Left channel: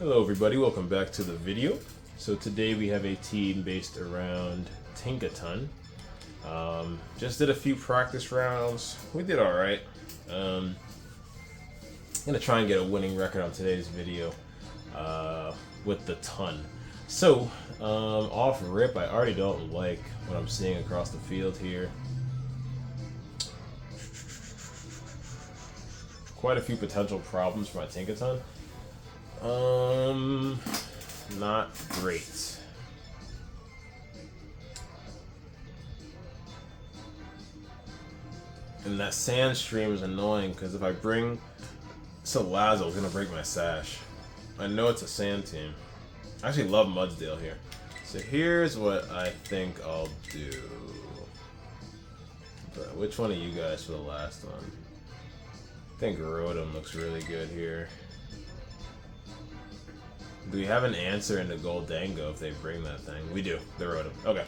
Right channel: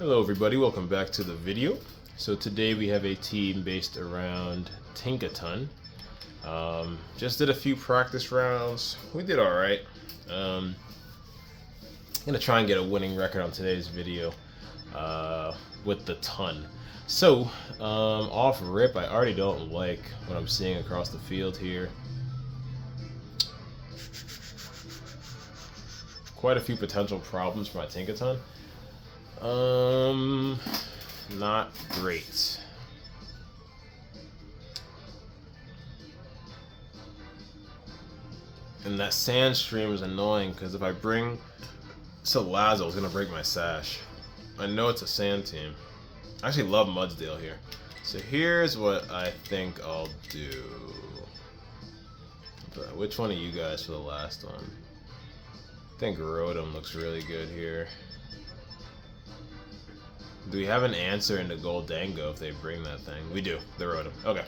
Hello everybody, welcome back to the video. So today we have a team based around Tinkaton. Just did a few practice rounds. We did alright. I'm gonna try and get a winning record on today's video with the ton. So, off rip, I already don't like what I'm seeing across the field here. Quite a few potential problems for my Tinkaton. Not great. And that sand stream is annoying because if I bring Salazo, it's gonna break my sash. I know it's a sand team. I actually love Mudsdale here. So here's what I think I'll do. Which one of you guys for the last one? I think Rotom looks really good here. Do we have an answer into Goldango if they bring that thing? We do. They wrote him. Okay.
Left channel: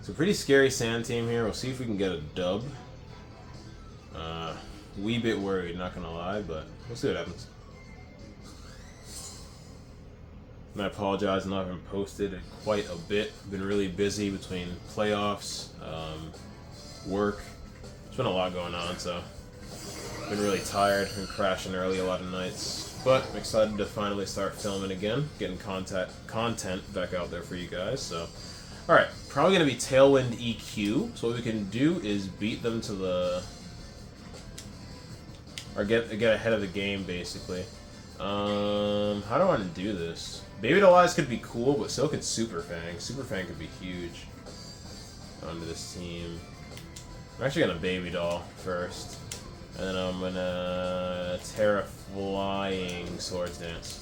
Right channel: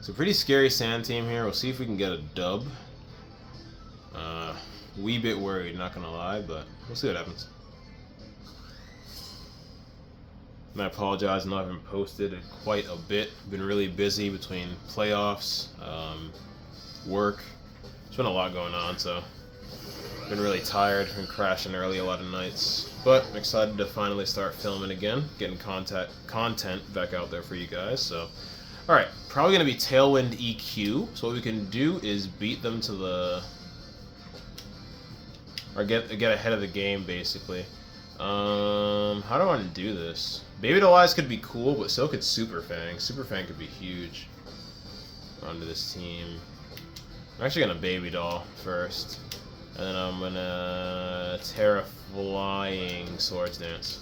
So pretty scary sand team here. We'll see if we can get a dub. Wee bit worried, not gonna lie, but we'll see what happens. And I apologize, I haven't posted in quite a bit. Been really busy between playoffs, work. There's been a lot going on, so been really tired and crashing early a lot of nights, but I'm excited to finally start filming again, getting content back out there for you guys. So, all right, probably gonna be Tailwind EQ. So what we can do is beat them to the, or get ahead of the game basically. How do I want to do this? Baby Doll Eyes could be cool, but so could Super Fang. Super Fang could be huge onto this team. I'm actually gonna Baby Doll first. And then I'm gonna Terra Flying Swords Dance.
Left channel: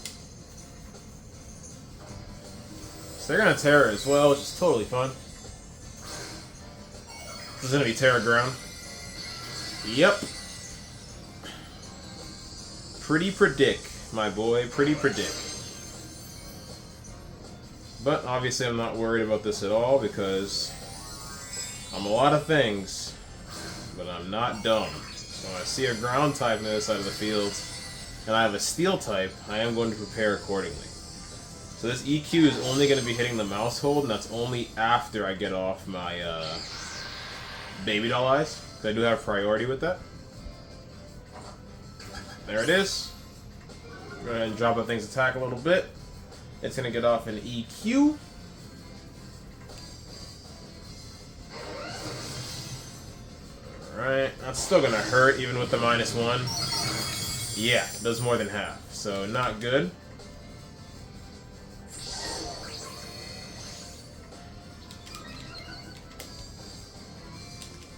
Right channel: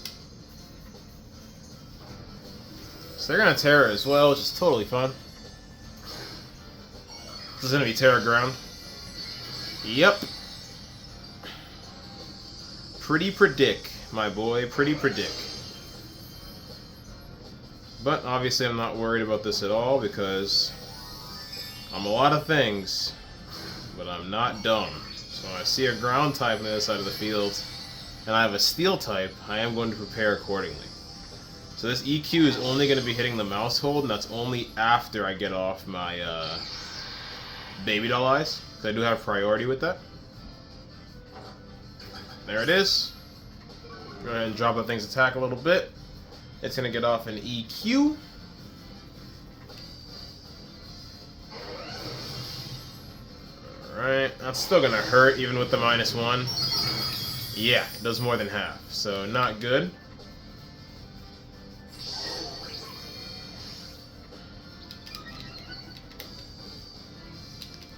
So they're gonna Terra as well, which is totally fun. This is gonna be Terra Ground. Yep. Pretty predict, my boy. Pretty predict. But obviously I'm not worried about this at all because I'm a lot of things, but I'm not dumb. So when I see a ground type on the other side of the field, and I have a steel type, I am going to prepare accordingly. So this EQ is only going to be hitting the mouse hold, and that's only after I get off my Baby Doll Eyes. So I do have priority with that. There it is. Go ahead and drop the thing's attack a little bit. It's going to get off an EQ. Alright, that's still gonna hurt even with the -1. Yeah, it does more than half, so not good.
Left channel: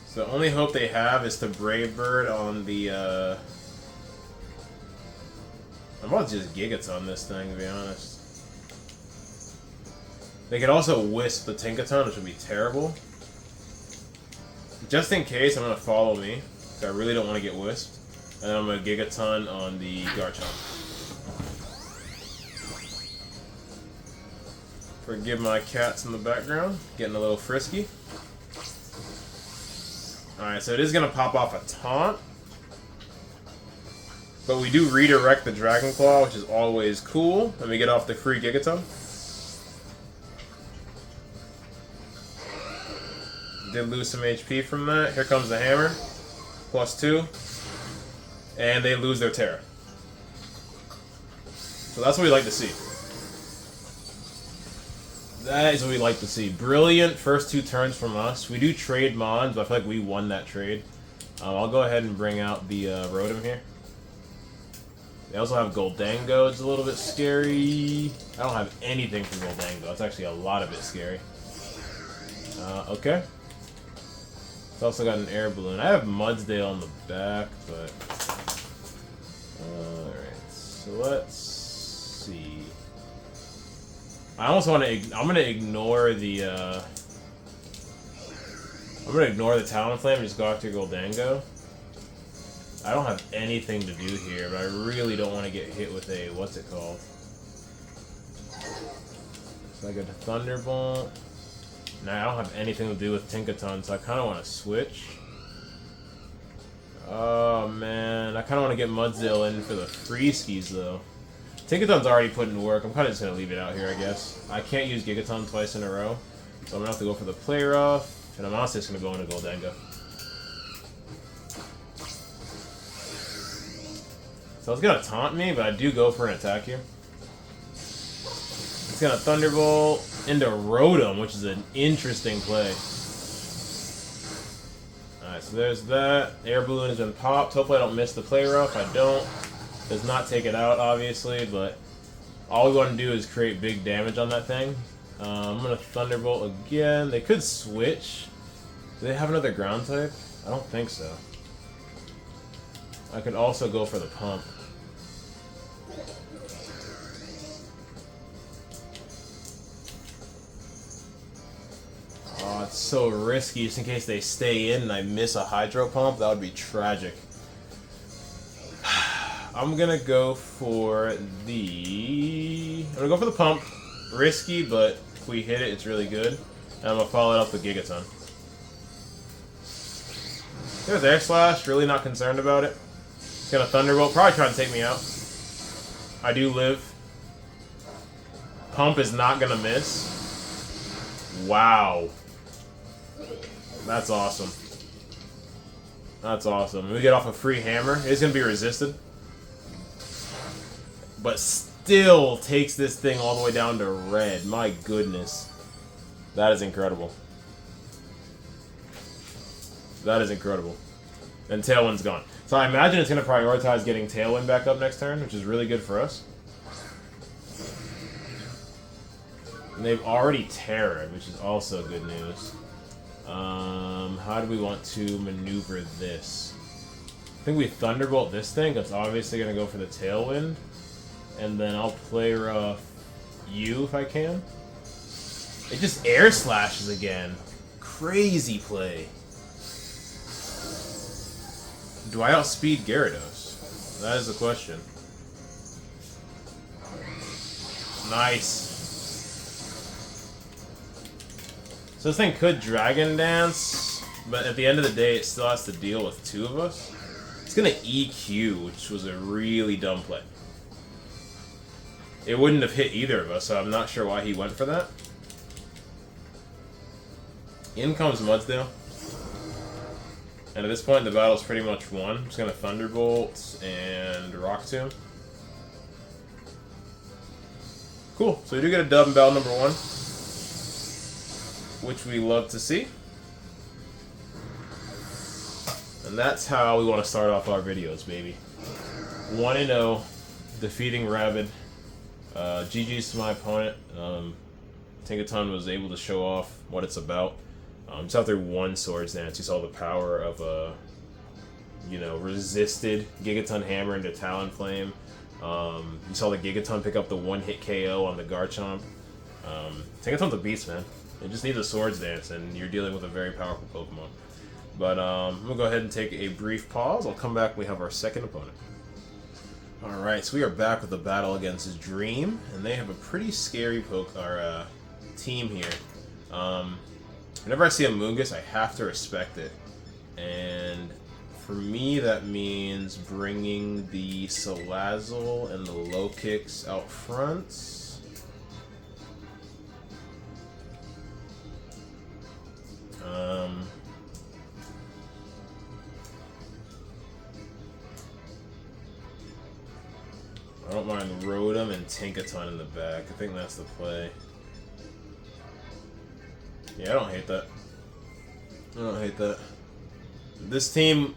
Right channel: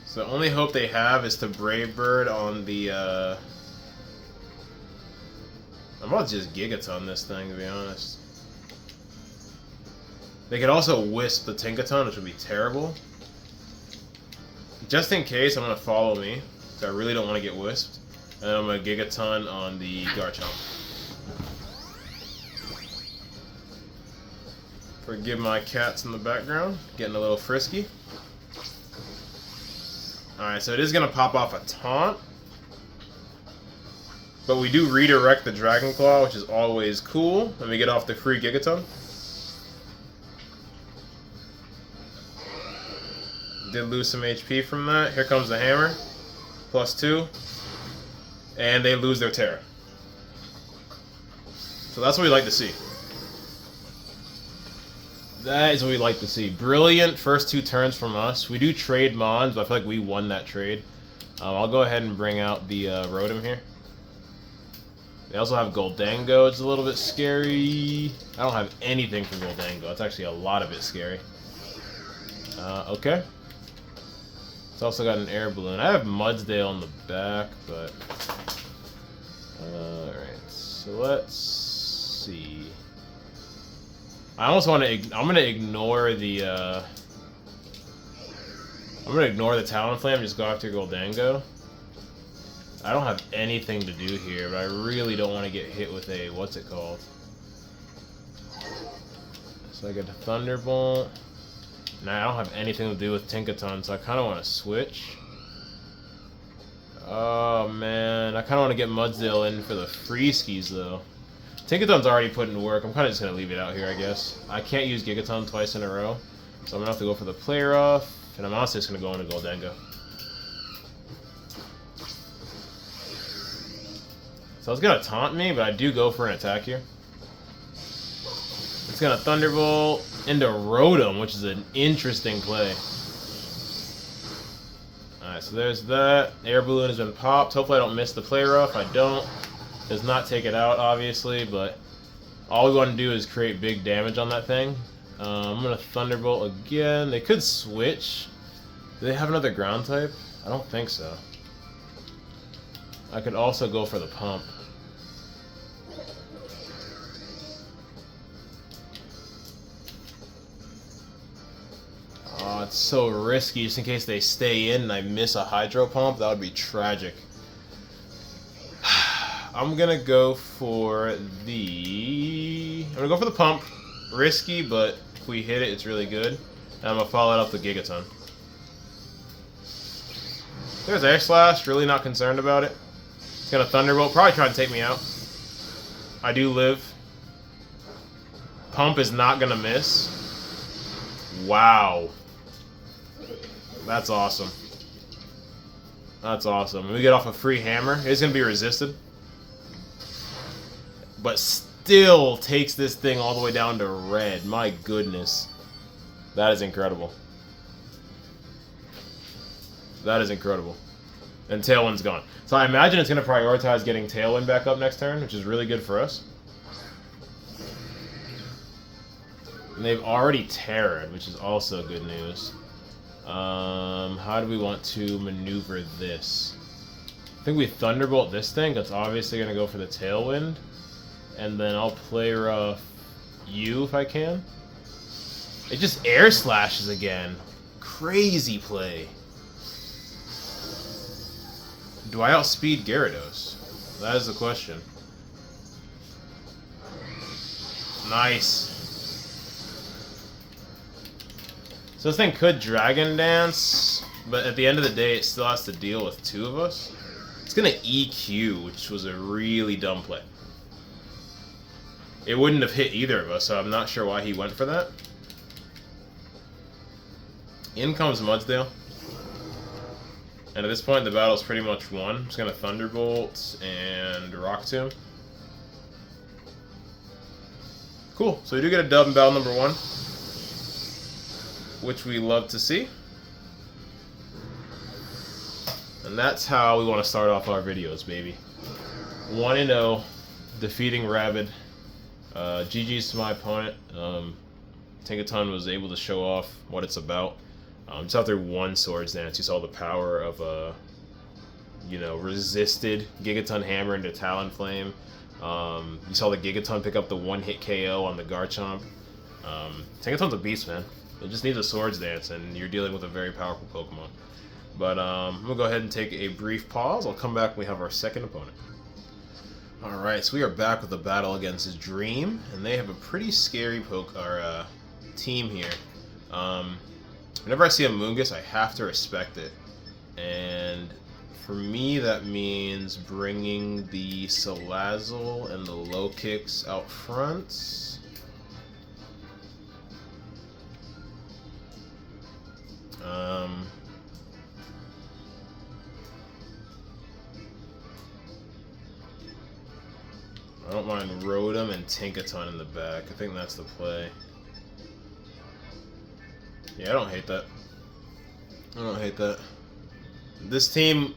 So the only hope they have is to Brave Bird on the, I'm about to just Gigaton this thing, to be honest. They could also Wisp the Tinkaton, which would be terrible. Just in case, I'm going to Follow Me, because I really don't want to get Wisped. And I'm going to Gigaton on the Garchomp. Forgive my cats in the background, getting a little frisky. Alright, so it is going to pop off a Taunt. But we do redirect the Dragon Claw, which is always cool. Let me get off the free Gigaton. Did lose some HP from that. Here comes the hammer. +2. And they lose their Terra. So that's what we like to see. That is what we like to see. Brilliant first 2 turns from us. We do trade Mons, but I feel like we won that trade. I'll go ahead and bring out the Rotom here. They also have Goldango. It's a little bit scary. I don't have anything for Goldango. It's actually a lot of it scary. Okay. It's also got an air balloon. I have Mudsdale on the back, but alright, so let's see. I almost want to. I'm gonna ignore the. I'm gonna ignore the Talonflame and just go after Goldango. I don't have anything to do here, but I really don't want to get hit with a what's it called. So I get a Thunderbolt. Now I don't have anything to do with Tinkaton, so I kind of want to switch. Oh man, I kind of want to get Mudsdale in for the free skis though. Tinkaton's already put in work. I'm kind of just going to leave it out here, I guess. I can't use Gigaton twice in a row, so I'm going to have to go for the player off, and I'm also just going to go into Goldenga. So it's going to taunt me, but I do go for an attack here. It's going to Thunderbolt into Rotom, which is an interesting play. Alright, so there's that. Air Balloon has been popped. Hopefully I don't miss the player off. I don't. Does not take it out, obviously, but all we want to do is create big damage on that thing. I'm going to Thunderbolt again. They could switch. Do they have another ground type? I don't think so. I could also go for the pump. Oh, it's so risky just in case they stay in and I miss a Hydro Pump. That would be tragic. I'm gonna go for the pump. Risky, but if we hit it, it's really good. And I'm gonna follow it up with Gigaton. There's Air Slash. Really not concerned about it. It's gonna Thunderbolt. Probably trying to take me out. I do live. Pump is not gonna miss. Wow. That's awesome. That's awesome. We get off a free hammer. It's gonna be resisted. But still takes this thing all the way down to red. My goodness. That is incredible. That is incredible. And Tailwind's gone. So I imagine it's going to prioritize getting Tailwind back up next turn, which is really good for us. And they've already Terra'd, which is also good news. How do we want to maneuver this? I think we Thunderbolt this thing. That's obviously going to go for the Tailwind. And then I'll play you if I can. It just Air Slashes again. Crazy play. Do I outspeed Gyarados? That is the question. Nice. So this thing could Dragon Dance, but at the end of the day, it still has to deal with two of us. It's gonna EQ, which was a really dumb play. It wouldn't have hit either of us, so I'm not sure why he went for that. In comes Mudsdale. And at this point, the battle's pretty much won. I'm just going to Thunderbolt and Rock Tomb. Cool. So we do get a dub in battle number 1, which we love to see. And that's how we want to start off our videos, baby. 1-0, defeating Rabid. GG's to my opponent. Tinkaton was able to show off what it's about. Just after one Swords Dance, you saw the power of a, resisted Gigaton Hammer into Talonflame. You saw the Gigaton pick up the one-hit KO on the Garchomp. Tinkaton's a beast, man. It just needs a Swords Dance, and you're dealing with a very powerful Pokemon. But I'm going to go ahead and take a brief pause. I'll come back when we have our second opponent. Alright, so we are back with the battle against Dream, and they have a pretty scary team here. Whenever I see a Moongus, I have to respect it. And for me, that means bringing the Salazzle and the Low Kicks out front. I don't mind Rotom and Tinkaton in the back. I think that's the play. Yeah, I don't hate that. I don't hate that. This team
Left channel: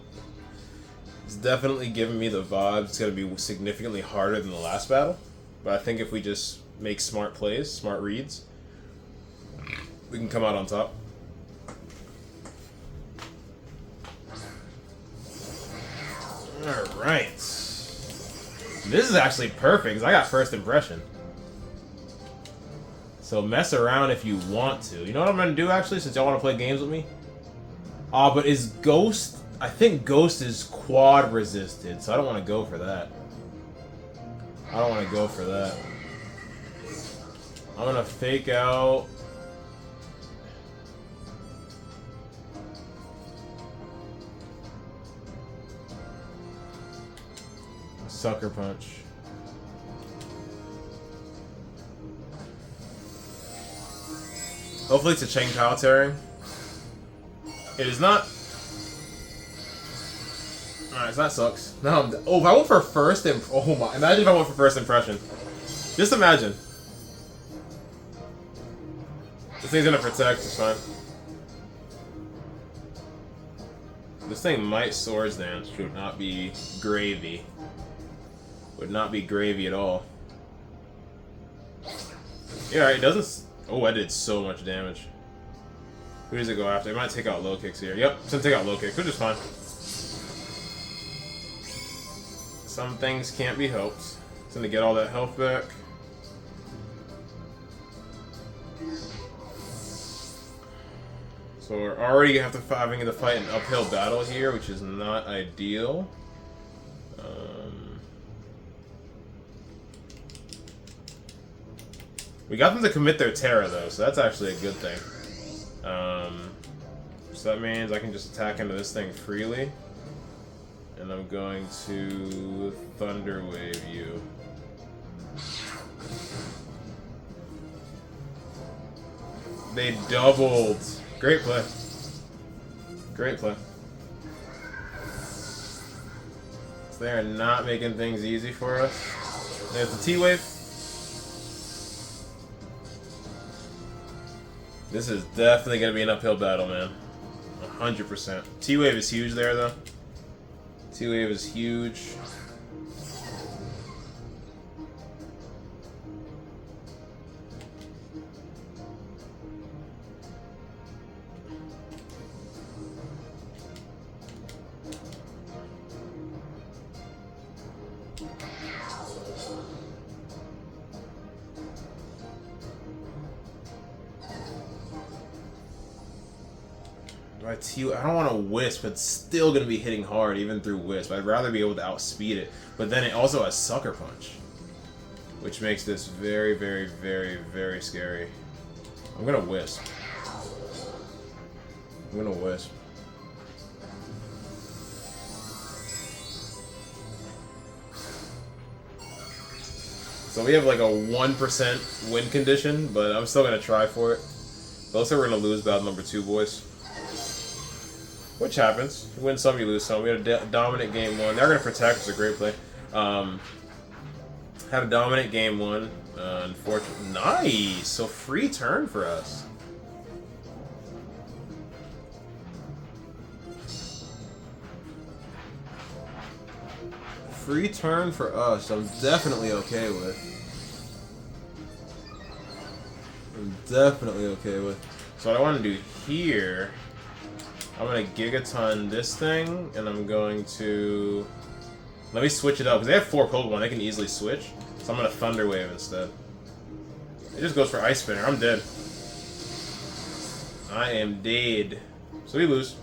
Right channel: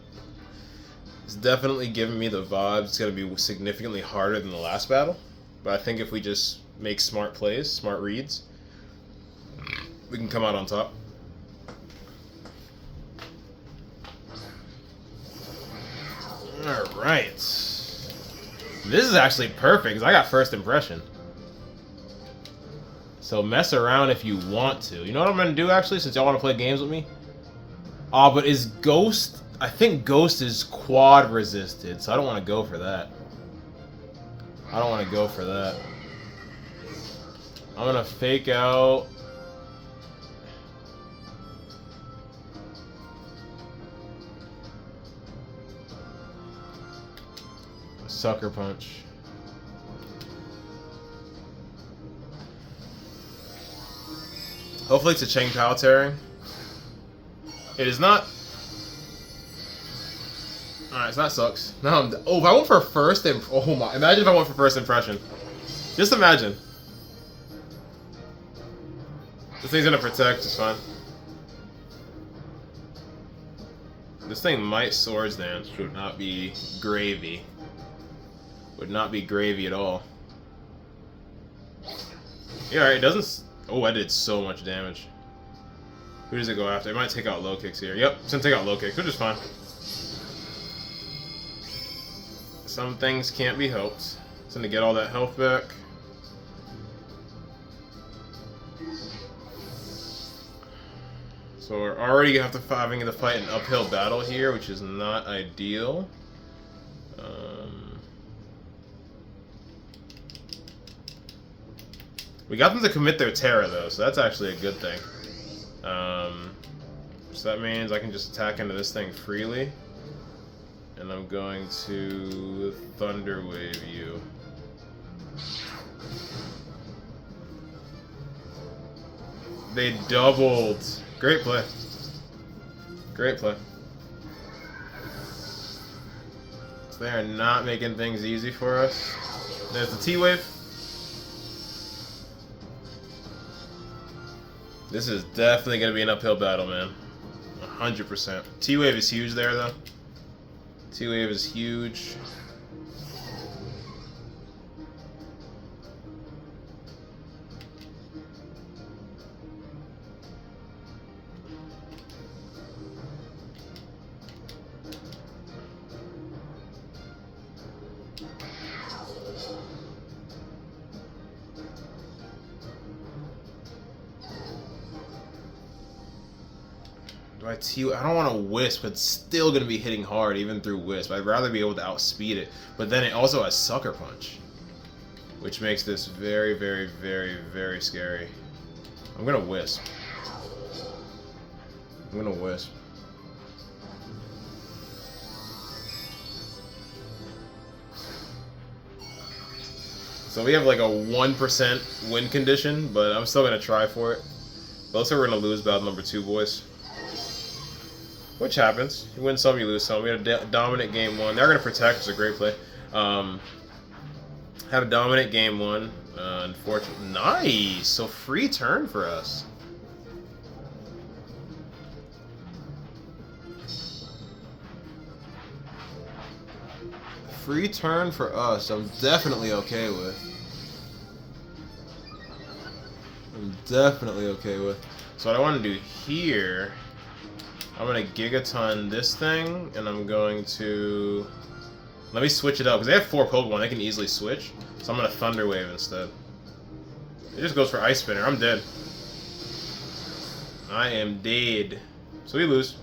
is definitely giving me the vibes. It's going to be significantly harder than the last battle. But I think if we just make smart plays, smart reads, we can come out on top. Alright. This is actually perfect, because I got first impression. So mess around if you want to. You know what I'm going to do, actually, since y'all want to play games with me? But is Ghost... I think Ghost is quad resisted, so I don't want to go for that. I don't want to go for that. I'm going to fake out... Sucker Punch. Hopefully it's a Cheng Pao tearing. It is not. Alright, so that sucks. Now I'm. Oh, if I went for first oh my. Imagine if I went for first impression. Just imagine. This thing's gonna protect, it's fine. This thing might Swords Dance, which would not be gravy. Would not be gravy at all. Yeah, alright, it doesn't. Oh, I did so much damage. Who does it go after? It might take out low kicks here. Yep, it's gonna take out low kicks, which is fine. Some things can't be helped. It's gonna get all that health back. So we're already having to fight an uphill battle here, which is not ideal. We got them to commit their Terra though, so that's actually a good thing. So that means I can just attack into this thing freely. And I'm going to Thunder Wave you. They doubled. Great play. Great play. So they are not making things easy for us. There's the T-Wave. This is definitely going to be an uphill battle, man. 100%. T-Wave is huge there, though. T-Wave is huge. I don't want to Wisp, but it's still going to be hitting hard even through Wisp. I'd rather be able to outspeed it. But then it also has Sucker Punch, which makes this very, very, very, very scary. I'm going to Wisp. I'm going to Wisp. So we have like a 1% win condition, but I'm still going to try for it. Looks like we're going to lose battle number 2, boys. Which happens. You win some, you lose some. We had a dominant game 1. They're going to protect, which is a great play. Had a dominant game 1. Unfortunately. Nice! So free turn for us. Free turn for us. I'm definitely okay with. I'm definitely okay with. So what I want to do here, I'm going to Gigaton this thing, and I'm going to... Let me switch it up, because they have 4 Pokemon, they can easily switch. So I'm going to Thunder Wave instead. It just goes for Ice Spinner, I'm dead. I am dead. So we lose.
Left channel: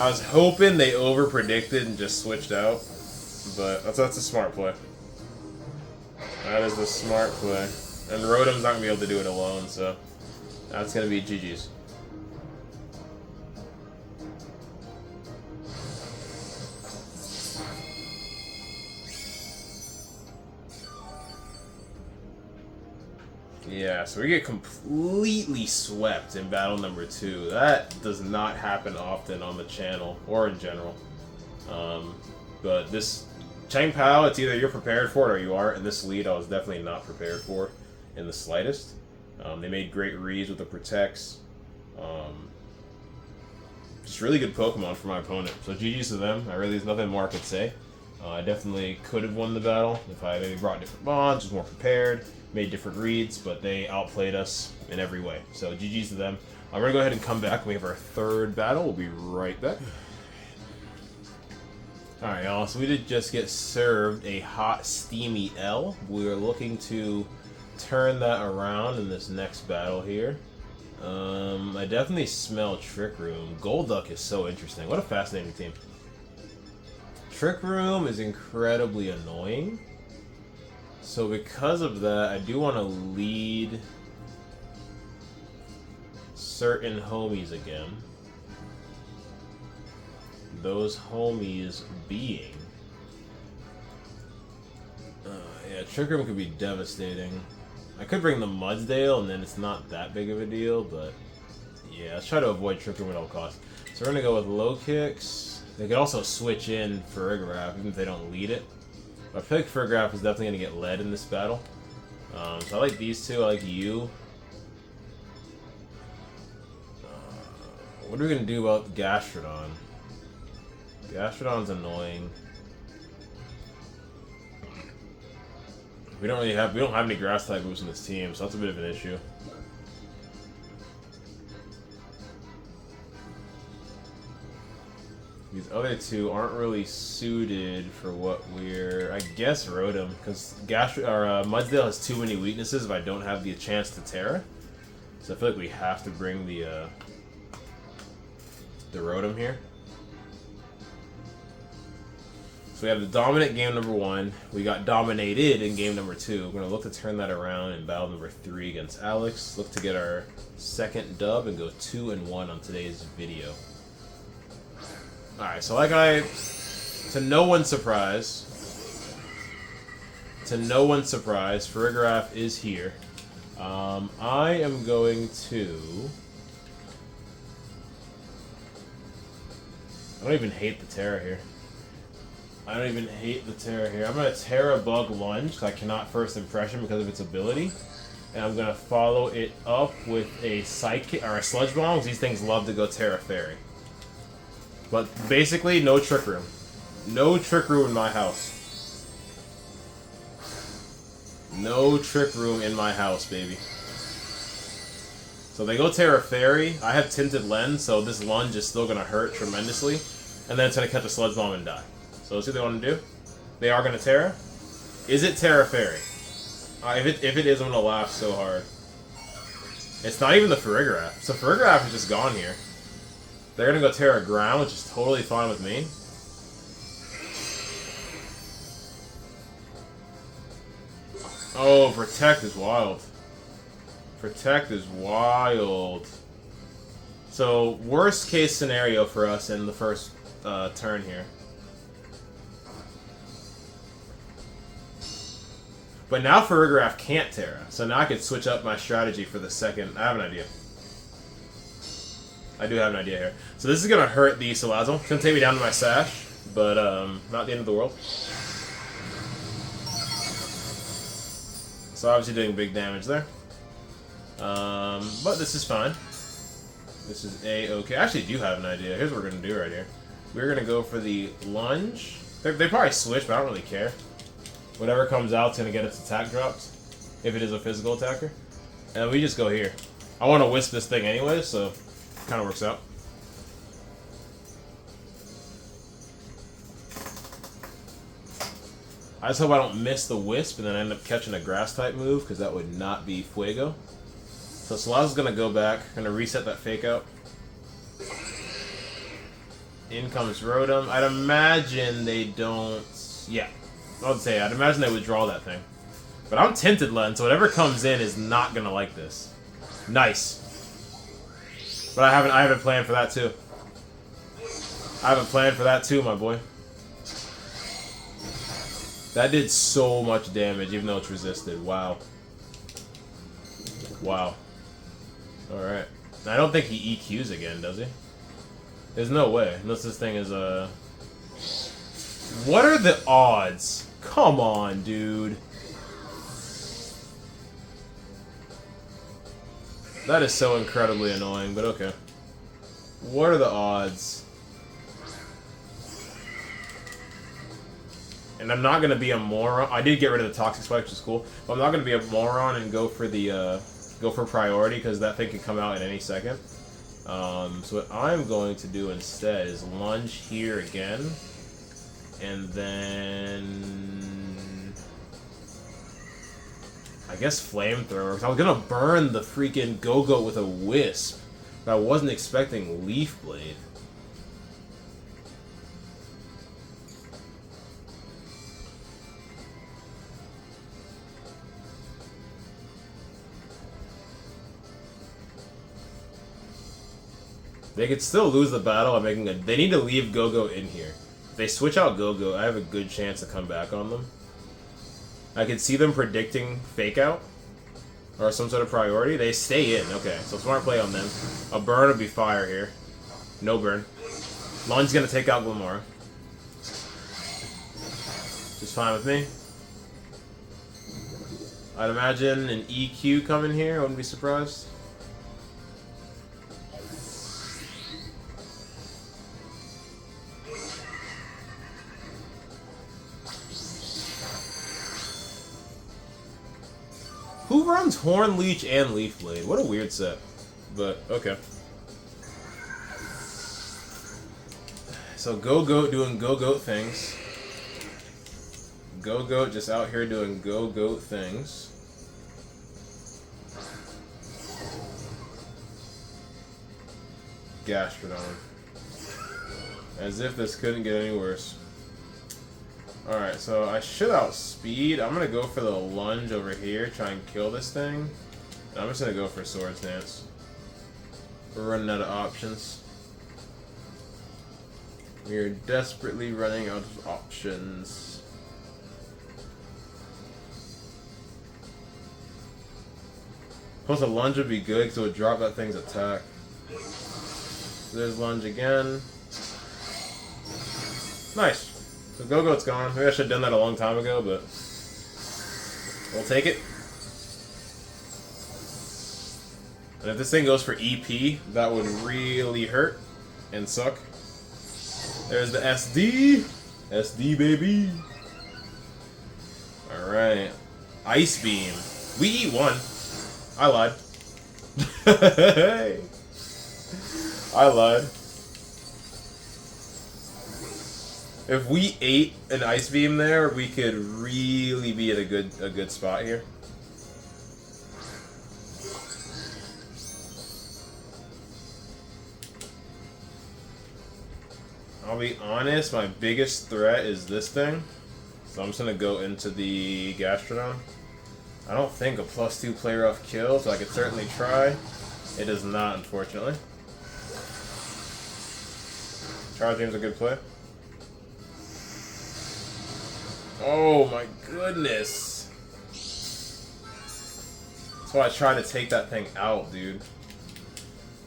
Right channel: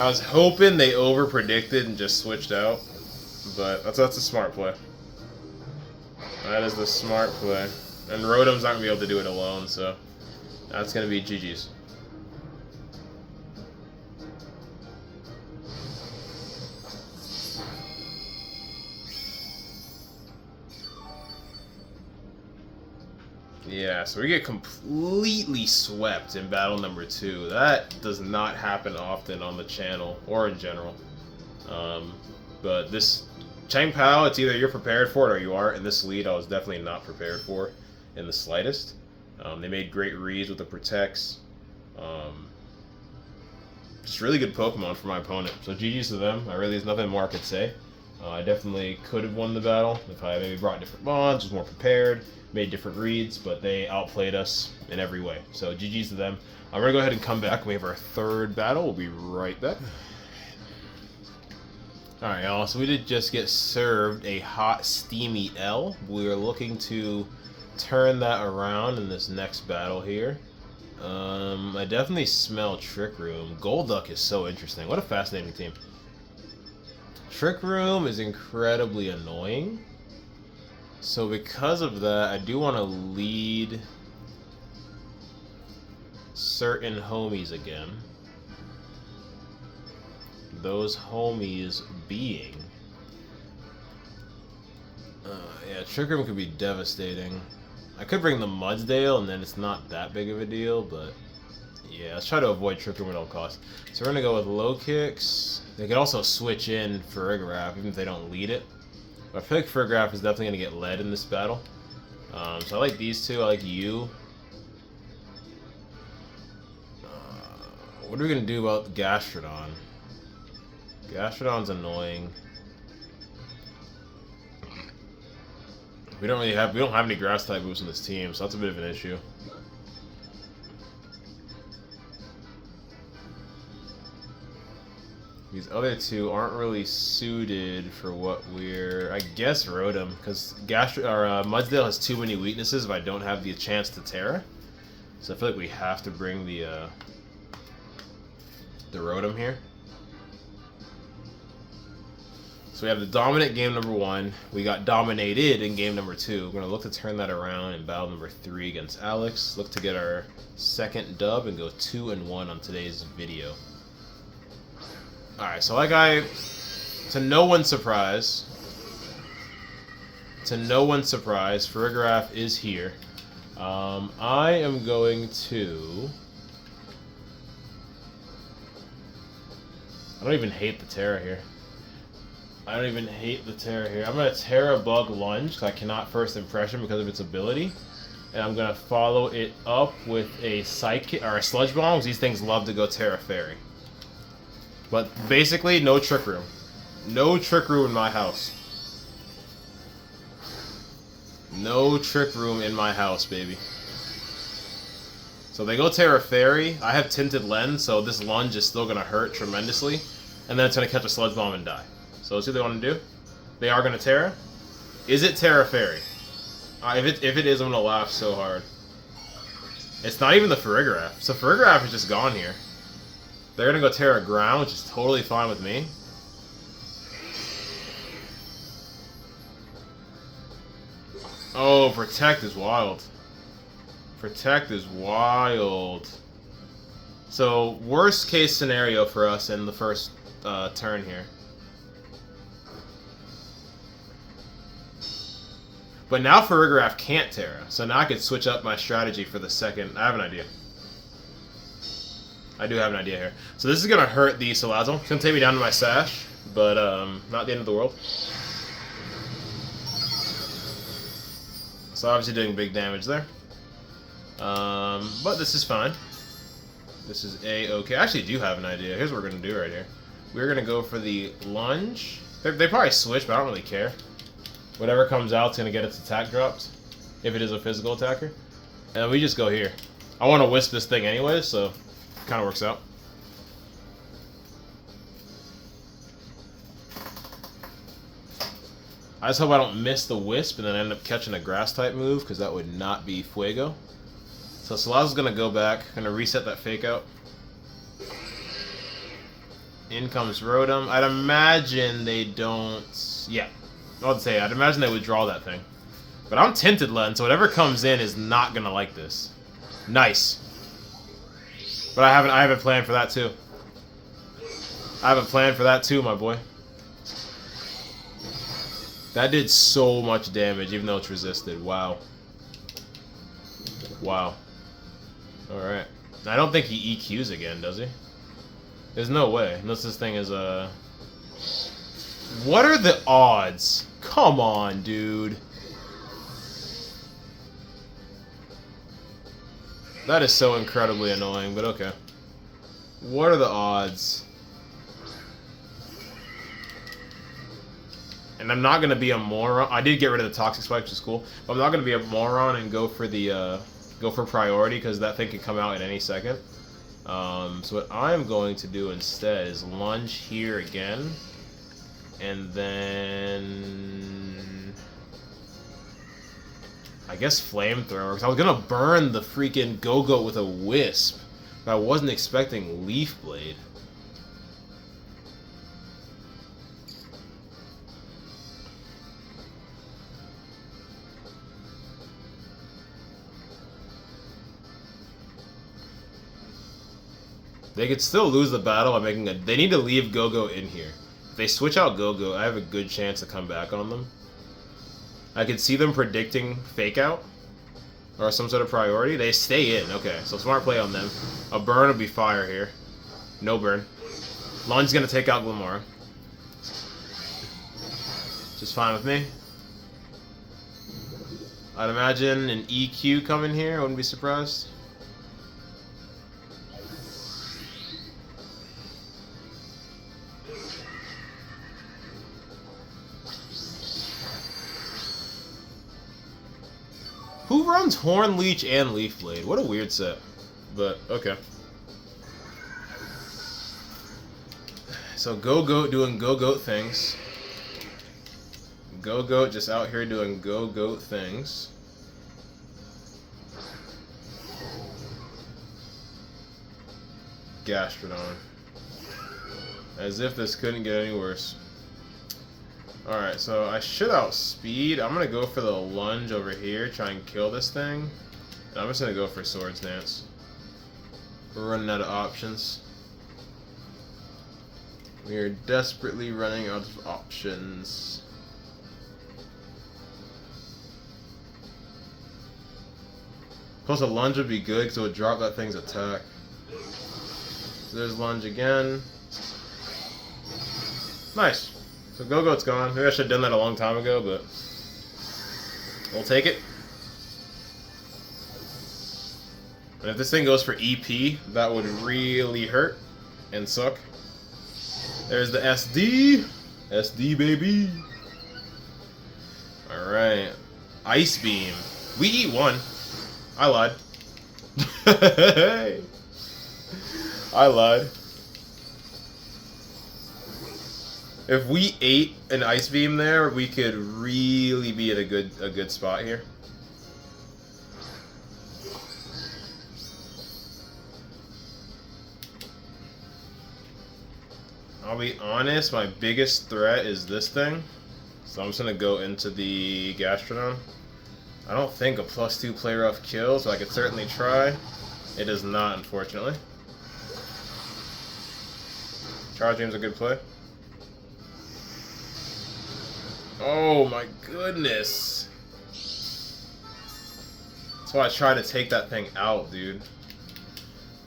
I was hoping they over-predicted and just switched out, but that's a smart play. That is the smart play. And Rotom's not going to be able to do it alone, so that's going to be GG's. Yeah, so we get completely swept in battle number 2. That does not happen often on the channel, or in general. But this Cheng Pao, it's either you're prepared for it or you aren't. And this lead I was definitely not prepared for in the slightest. They made great reads with the Protects. Just really good Pokemon for my opponent. So GG's to them. There's nothing more I could say. I definitely could have won the battle if I maybe brought different bonds, was more prepared, made different reads, but they outplayed us in every way. So GG's to them. I'm going to go ahead and come back. We have our 3rd battle. We'll be right back. Alright, y'all. So we did just get served a hot, steamy L. We are looking to turn that around in this next battle here. I definitely smell Trick Room. Golduck is so interesting. What a fascinating team. Trick Room is incredibly annoying. So because of that, I do want to lead certain homies again. Those homies being Yeah, Trick Room could be devastating. I could bring the Mudsdale, and then it's not that big of a deal, but yeah, let's try to avoid Trick Room at all costs. So we're going to go with low kicks. They could also switch in Farigiraf, even if they don't lead it. But I feel like Farigiraf is definitely going to get led in this battle. So I like these two. I like you. What are we going to do about Gastrodon? Gastrodon's annoying. We don't have any grass type moves in this team, so that's a bit of an issue. These other two aren't really suited for what we're... I guess Rotom, because Mudsdale has too many weaknesses if I don't have the chance to Terra. So I feel like we have to bring the Rotom here. So we have the dominant game number 1. We got dominated in game number 2. We're going to look to turn that around in battle number 3 against Alex. Look to get our second dub and go 2-1 on today's video. Alright, so to no one's surprise, Farigiraf is here. I am going to... I don't even hate the Terra here. I'm going to Terra Bug Lunge, because I cannot First Impression because of its ability. And I'm going to follow it up with a Psychic, or a Sludge Bomb, because these things love to go Terra Fairy. But basically, no Trick Room. No Trick Room in my house. No Trick Room in my house, baby. So they go Terra Fairy. I have Tinted Lens, so this lunge is still going to hurt tremendously. And then it's going to catch a Sludge Bomb and die. So let's see what they want to do. They are going to Terra. Is it Terra Fairy? If it is, I'm going to laugh so hard. It's not even the Farigiraf. So Farigiraf is just gone here. They're going to go Terra Ground, which is totally fine with me. Oh, Protect is wild. Protect is wild. So, worst case scenario for us in the first turn here. But now Farigiraf can't Terra, so now I can switch up my strategy for the second. I have an idea. I do have an idea here. So this is going to hurt the Salazzle. It's going to take me down to my Sash, but not the end of the world. So obviously doing big damage there. But this is fine. This is A-okay. I actually do have an idea. Here's what we're going to do right here. We're going to go for the Lunge. They probably switch, but I don't really care. Whatever comes out is going to get its attack dropped, if it is a physical attacker. And we just go here. I want to Wisp this thing anyway, so... kind of works out. I just hope I don't miss the Wisp and then end up catching a grass type move, because that would not be Fuego. So Salazzle's gonna go back, gonna reset that fake out. In comes Rotom. I'd imagine they don't. Yeah, I'd imagine they would draw that thing. But I'm Tinted Lens, so whatever comes in is not gonna like this. Nice. But I have a plan for that too. I have a plan for that too, my boy. That did so much damage, even though it's resisted. Wow. Wow. Alright. I don't think he EQs again, does he? There's no way. Unless this thing is, What are the odds? Come on, dude. That is so incredibly annoying, but okay. What are the odds? And I'm not going to be a moron. I did get rid of the Toxic Spike, which is cool. But I'm not going to be a moron and go for the priority, because that thing could come out at any second. So what I'm going to do instead is lunge here again. And then... I guess Flamethrower. I was going to burn the freaking Go-Go with a Wisp. But I wasn't expecting Leaf Blade. They could still lose the battle by making a... They need to leave Go-Go in here. If they switch out Go-Go, I have a good chance to come back on them. I could see them predicting fake out or some sort of priority. They stay in. Okay, so smart play on them. A burn would be fire here. No burn. Lunge's gonna take out Glamora. Just fine with me. I'd imagine an EQ coming here. I wouldn't be surprised. Who runs Horn, Leech, and Leaf Blade? What a weird set. But, okay. So, Go-Goat doing Go-Goat things. Go-Goat just out here doing Go-Goat things. Gastrodon. As if this couldn't get any worse. Alright, so I should outspeed. I'm gonna go for the lunge over here, try and kill this thing. And I'm just gonna go for Swords Dance. We're running out of options. We're desperately running out of options. Plus a lunge would be good because it would drop that thing's attack. So there's lunge again. Nice. So Go-Goat's gone. Maybe I should have done that a long time ago, but we'll take it. And if this thing goes for EP, that would really hurt and suck. There's the SD. SD, baby. Alright. Ice Beam. We eat one. I lied. I lied. If we ate an Ice Beam there, we could really be at a good spot here. I'll be honest, my biggest threat is this thing. So I'm just gonna go into the Gastrodon. I don't think a +2 play rough kills, so I could certainly try. It does not, unfortunately. Charge Beam's a good play. Oh my goodness. That's why I try to take that thing out, dude.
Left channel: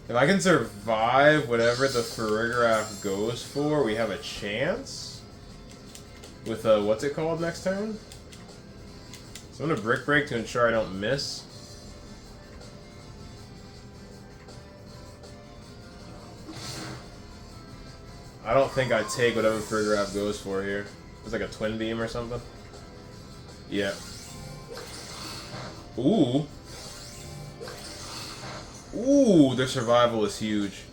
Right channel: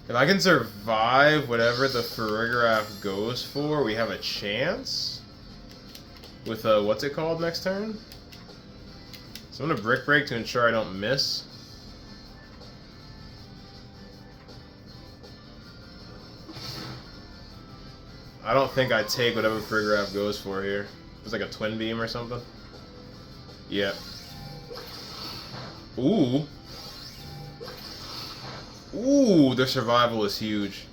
If I can survive whatever the Farigiraf goes for, we have a chance. With what's it called next turn? So I'm gonna Brick Break to ensure I don't miss. I don't think I take whatever Farigiraf goes for here. It's like a Twin Beam or something. Yeah. Ooh. Ooh, their survival is huge.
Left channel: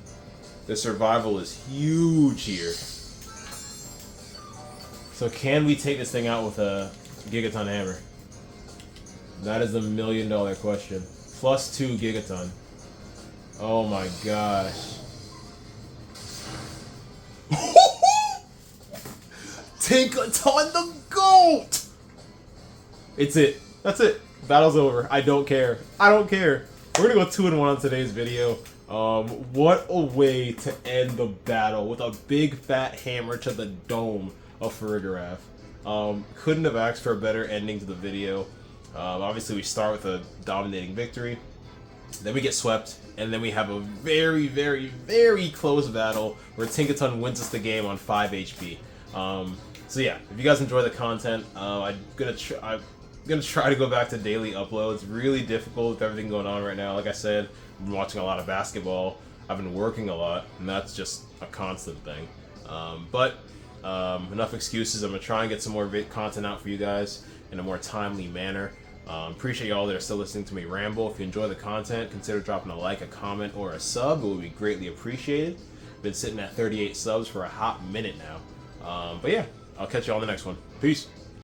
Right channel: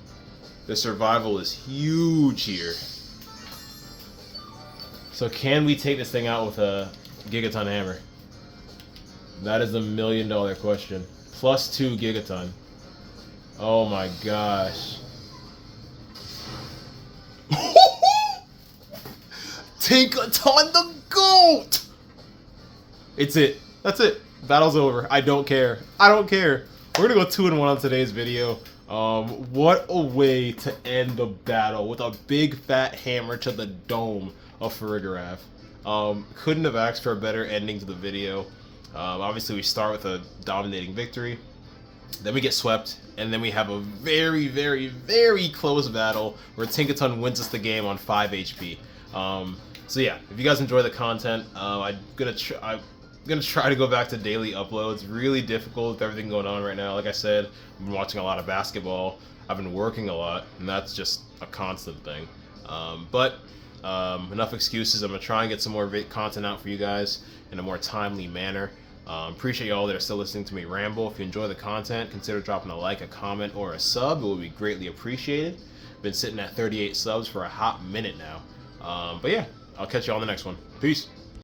The survival is huge here. So can we take this thing out with a Gigaton Hammer? That is the $1 million question. +2 Gigaton. Oh my gosh. Tinkaton the GOAT! It's it. That's it. Battle's over. I don't care. I don't care. We're gonna go 2-1 on today's video. What a way to end the battle with a big fat hammer to the dome of Farigiraf. Couldn't have asked for a better ending to the video. Obviously we start with a dominating victory. Then we get swept, and then we have a very, very, very close battle where Tinkaton wins us the game on 5 HP. So yeah, if you guys enjoy the content, I'm gonna try to go back to daily uploads. Really difficult with everything going on right now. Like I said, I've been watching a lot of basketball. I've been working a lot, and that's just a constant thing. But enough excuses. I'm gonna try and get some more content out for you guys in a more timely manner. Appreciate y'all that are still listening to me ramble. If you enjoy the content, consider dropping a like, a comment, or a sub. It would be greatly appreciated. Been sitting at 38 subs for a hot minute now. But yeah, I'll catch you on the next one. Peace.